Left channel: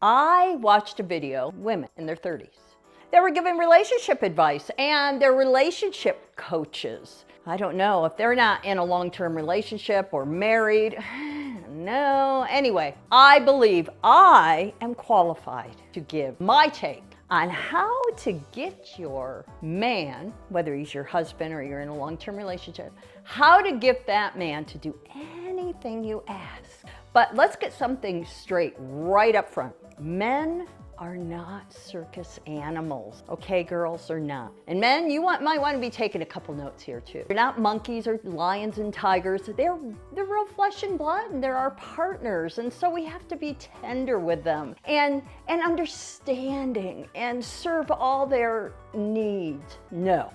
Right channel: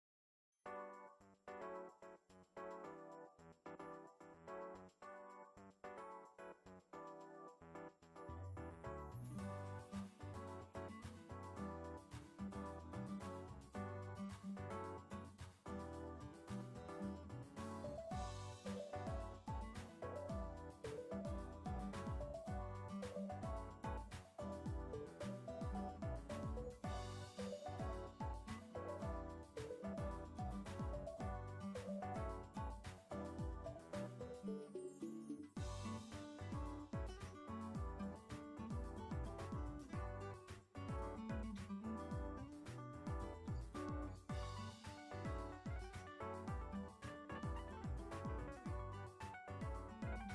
I watched a video, women in their 30s. They were giving relationship advice and they're relationship coaches. I don't know if they're not in a long-term relationship or married. No. Anyway, I believe I am qualified to give my take on how to get your man, whether he's your husband or you're in a long-term relationship, how to get that man to do anything you ask. But let's get something straight right up front. Men are not circus animals. Okay, girls, they're not. And men, you might want to be taking a couple notes here too. They're not monkeys or lions and tigers. They're real flesh and blood, and they're our partners. And so we have to be tender with them and understanding and serve all their needs. No,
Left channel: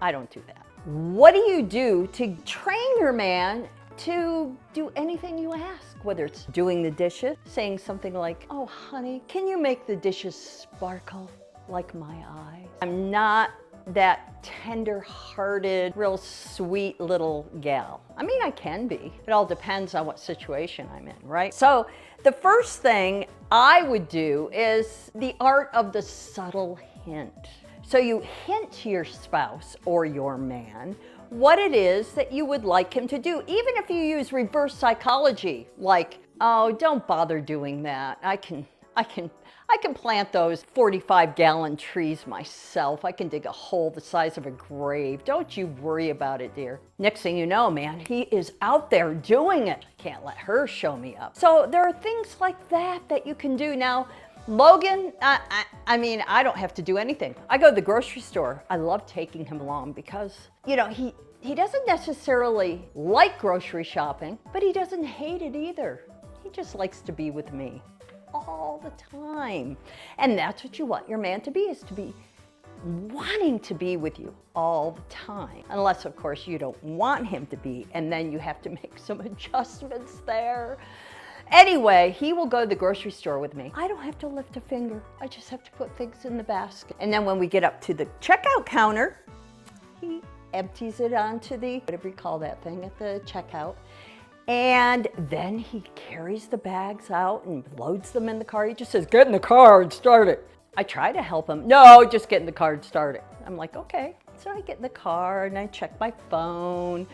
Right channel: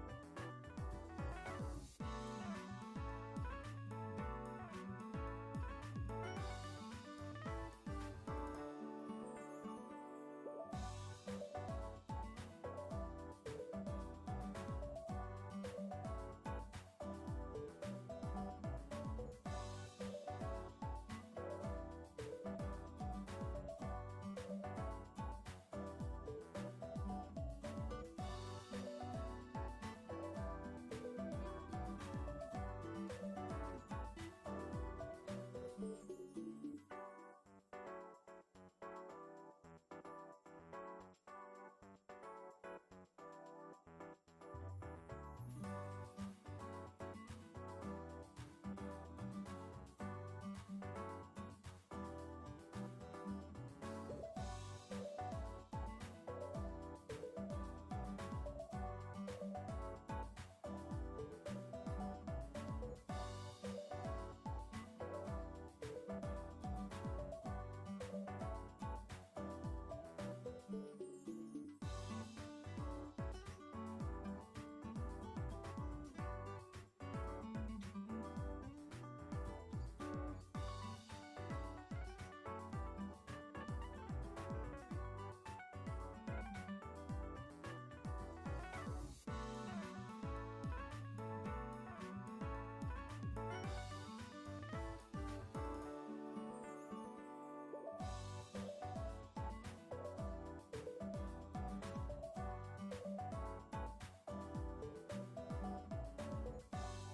I don't do that. What do you do to train your man to do anything you ask? Whether it's doing the dishes, saying something like, "Oh, honey, can you make the dishes sparkle like my eye?" I'm not that tender-hearted, real sweet little gal. I mean, I can be. It all depends on what situation I'm in, right? So the first thing I would do is the art of the subtle hint. So you hint to your spouse or your man what it is that you would like him to do, even if you use reverse psychology, like, "Oh, don't bother doing that. I can plant those 45-gallon trees myself. I can dig a hole the size of a grave. Don't you worry about it, dear." Next thing you know, man, he is out there doing it. I can't let her show me up. So there are things like that you can do. Now, Logan, I mean, I don't have to do anything. I go to the grocery store. I love taking him along because, you know, he doesn't necessarily like grocery shopping, but he doesn't hate it either. He just likes to be with me all the time. And that's what you want your man to be, is to be wanting to be with you all the time. Unless, of course, you don't want him to be, and then you have to make some adjustments there. Anyway, he will go to the grocery store with me. I don't have to lift a finger. I just have to put things in the basket. And then when we get up to the checkout counter, he empties it onto the, whatever you call that thing at the checkout. And then he carries the bags out and loads them in the car. He just says, "Get in the car and start it." I try to help him. "No, just get in the car and start it." I'm like, "Okay." So I get in the car and I check my phone.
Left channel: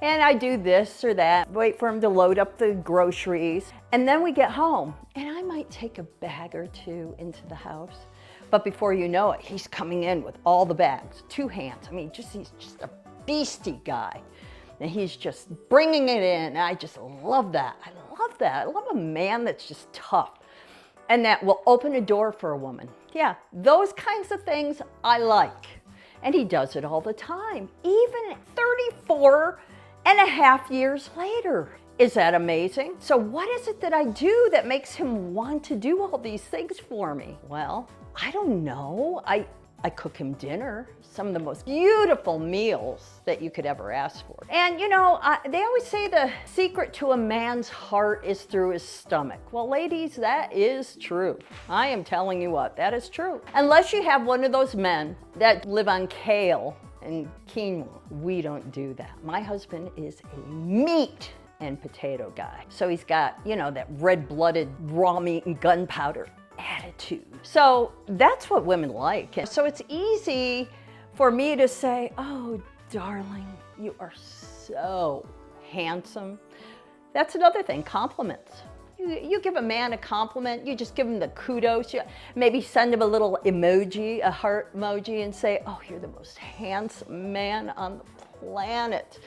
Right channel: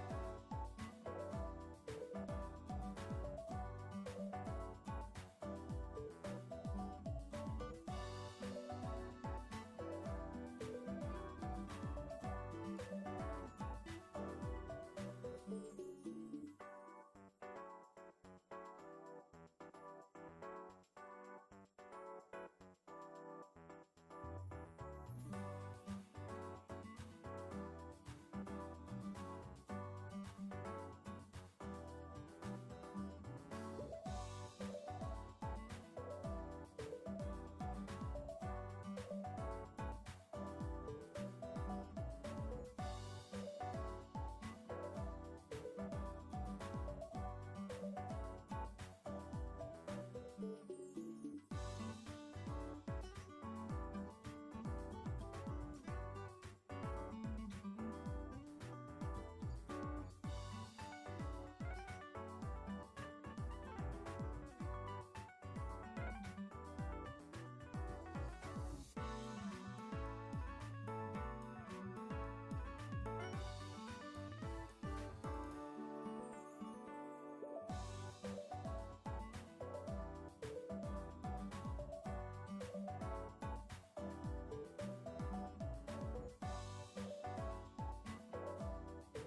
And I do this or that, wait for him to load up the groceries. And then we get home, and I might take a bag or two into the house. But before you know it, he's coming in with all the bags, 2 hands. I mean, he's just a beastie guy. And he's just bringing it in. I just love that. I love that. I love a man that's just tough and that will open a door for a woman. Yeah, those kinds of things I like. And he does it all the time, even 34 and a half years later. Is that amazing? So what is it that I do that makes him want to do all these things for me? Well, I don't know. I cook him dinner, some of the most beautiful meals that you could ever ask for. And you know, they always say the secret to a man's heart is through his stomach. Well, ladies, that is true. I am telling you what, that is true. Unless you have one of those men that live on kale and quinoa, we don't do that. My husband is a meat and potato guy. So he's got, you know, that red-blooded raw meat and gunpowder attitude. So that's what women like. And so it's easy for me to say, "Oh, darling, you are so handsome." That's another thing, compliments. You give a man a compliment, you just give him the kudos. You maybe send him a little emoji, a heart emoji, and say, "Oh, you're the most handsome man on the planet.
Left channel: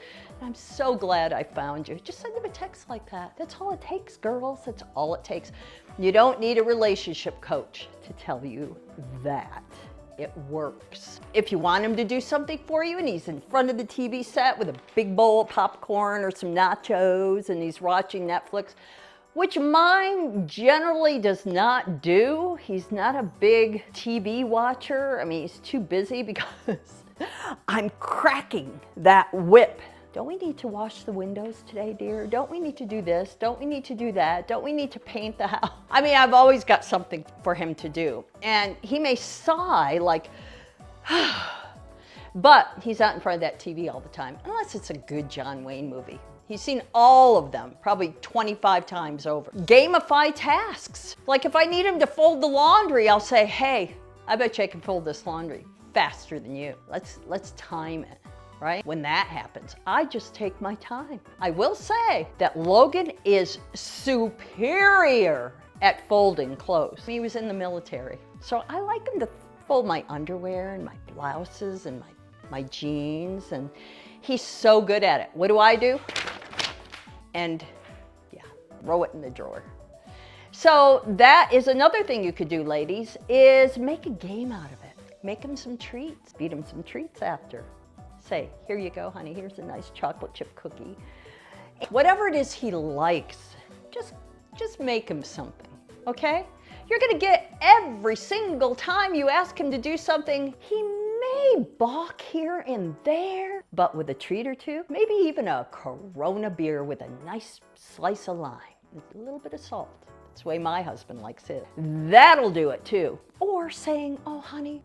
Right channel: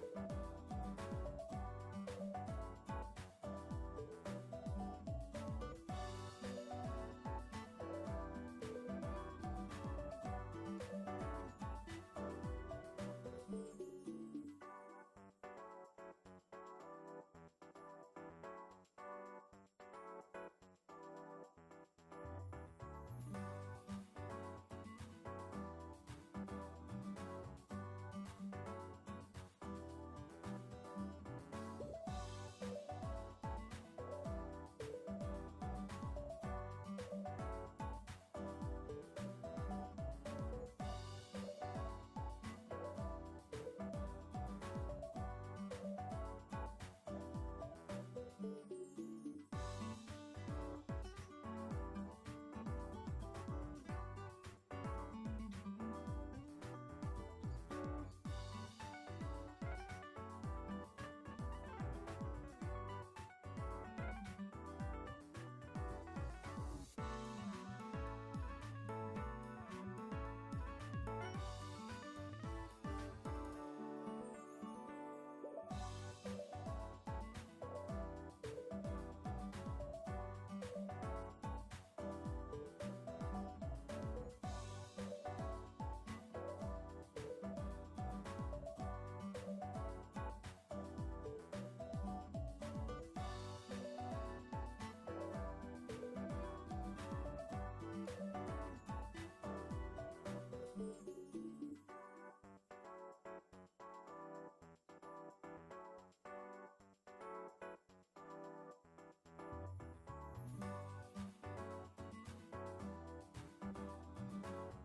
I'm so glad I found you." Just send him a text like that. That's all it takes, girls. That's all it takes. You don't need a relationship coach to tell you that. It works. If you want him to do something for you and he's in front of the TV set with a big bowl of popcorn or some nachos and he's watching Netflix, which mine generally does not do. He's not a big TV watcher. I mean, he's too busy because I'm cracking that whip. "Don't we need to wash the windows today, dear? Don't we need to do this? Don't we need to do that? Don't we need to paint the house?" I mean, I've always got something for him to do. And he may sigh like, but he's out in front of that TV all the time, unless it's a good John Wayne movie. He's seen all of them, probably 25 times over. Gamify tasks. Like if I need him to fold the laundry, I'll say, hey, I bet you I can fold this laundry faster than you. Let's time it, right? When that happens, I just take my time. I will say that Logan is superior at folding clothes. He was in the military, so I like him to fold my underwear and my blouses and my jeans, and he's so good at it. What do? And yeah, throw it in the drawer. So that is another thing you could do, ladies, is make a game out of it. Make him some treats, feed him some treats after. Say, here you go, honey, here's a nice chocolate chip cookie. Whatever it is he likes, just make him something, okay? You're gonna get every single time you ask him to do something, he may balk here and there, but with a treat or two, maybe even a Corona beer with a nice slice of lime, with a little bit of salt. That's the way my husband likes it. That'll do it too. Or saying, oh honey,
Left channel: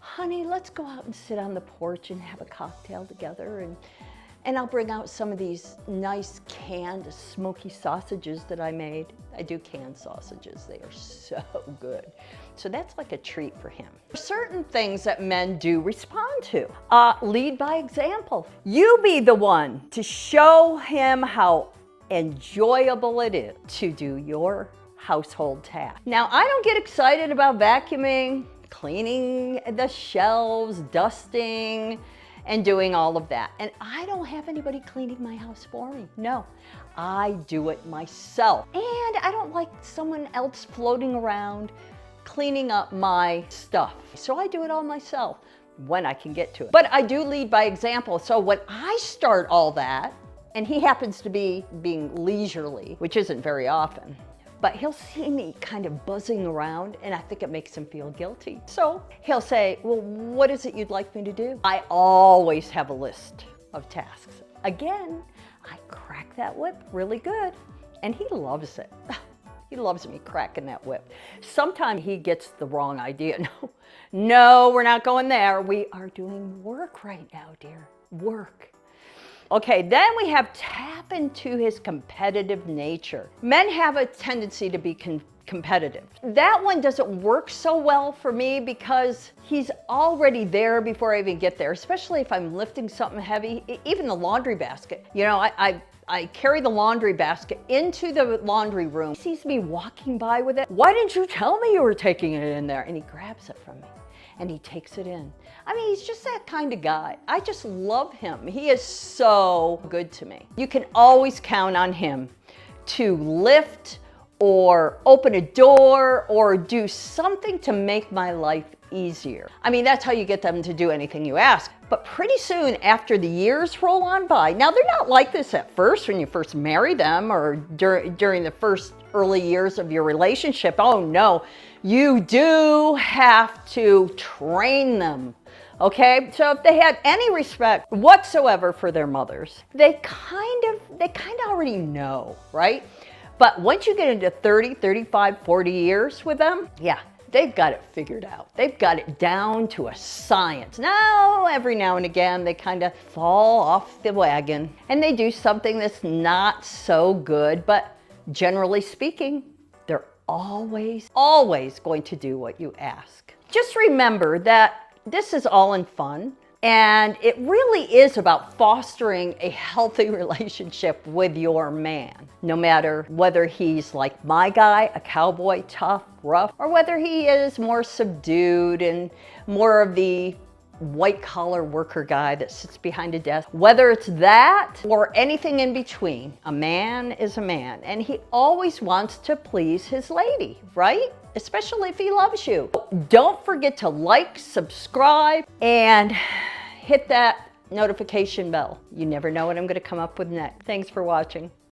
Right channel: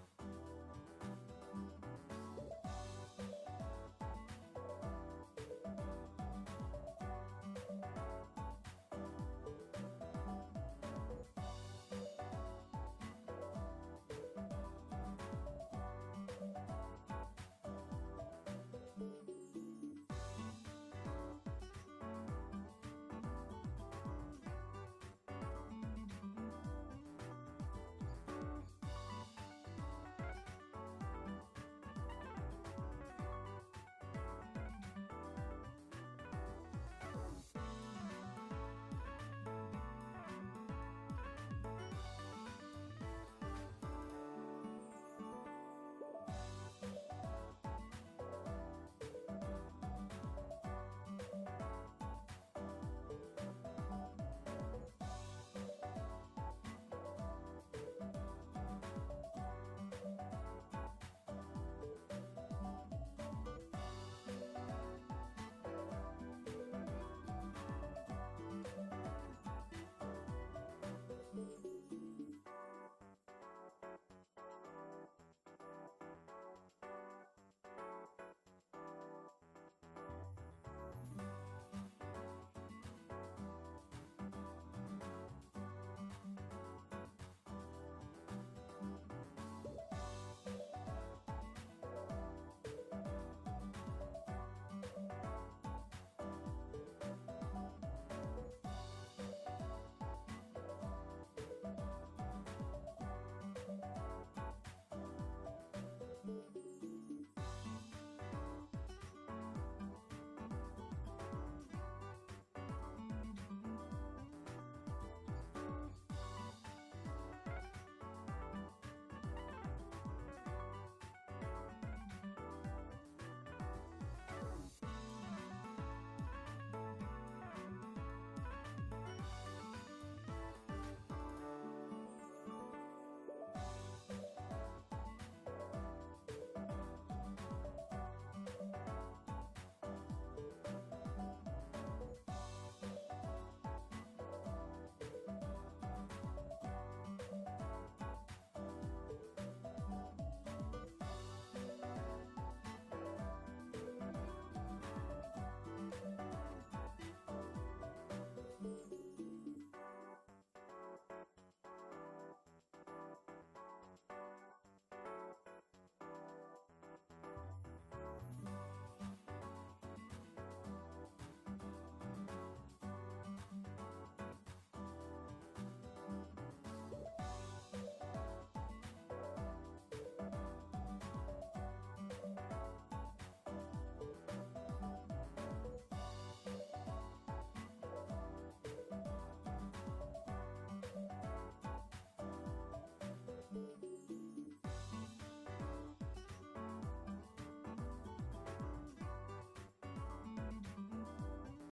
honey, let's go out and sit on the porch and have a cocktail together, and I'll bring out some of these nice canned smoky sausages that I made. I do canned sausages, they are so good. So that's like a treat for him. Certain things that men do respond to. Lead by example. You be the one to show him how enjoyable it is to do your household tasks. Now, I don't get excited about vacuuming, cleaning the shelves, dusting, and doing all of that. And I don't have anybody cleaning my house for me. No, I do it myself. And I don't like someone else floating around cleaning up my stuff. So I do it all myself when I can get to it. But I do lead by example. So when I start all that, and he happens to be being leisurely, which isn't very often, but he'll see me kind of buzzing around, and I think it makes him feel guilty. So he'll say, well, what is it you'd like me to do? I always have a list of tasks. Again, I crack that whip really good, and he loves it. He loves me cracking that whip. Sometimes he gets the wrong idea. No, we're not going there. We are doing work right now, dear, work. Okay, then we have tap into his competitive nature. Men have a tendency to be competitive. That one doesn't work so well for me because he's already there before I even get there, especially if I'm lifting something heavy, even the laundry basket. You know, I carry the laundry basket into the laundry room. He sees me walking by with it. Why didn't you tell me you were taking it in there? And he grabs it from me and he takes it in. I mean, he's just that kind of guy. I just love him. He is so good to me. You can always count on him to lift or open a door or do something to make my life easier. I mean, that's how you get them to do anything you ask. But pretty soon after the years roll on by, now they're not like this at first when you first marry them or during the first early years of your relationship. Oh no, you do have to train them. Okay, so if they had any respect whatsoever for their mothers, they kind of already know, right? But once you get into 30, 35, 40 years with them, yeah, they've got it figured out. They've got it down to a science. Now, every now and again, they kind of fall off the wagon and they do something that's not so good, but generally speaking, they're always going to do what you ask. Just remember that this is all in fun, and it really is about fostering a healthy relationship with your man. No matter whether he's like my guy, a cowboy, tough, rough, or whether he is more subdued and more of the white-collar worker guy that sits behind a desk. Whether it's that or anything in between, a man is a man, and he always wants to please his lady, right? Especially if he loves you. Don't forget to like, subscribe, and hit that notification bell. You never know what I'm going to come up with next. Thanks for watching.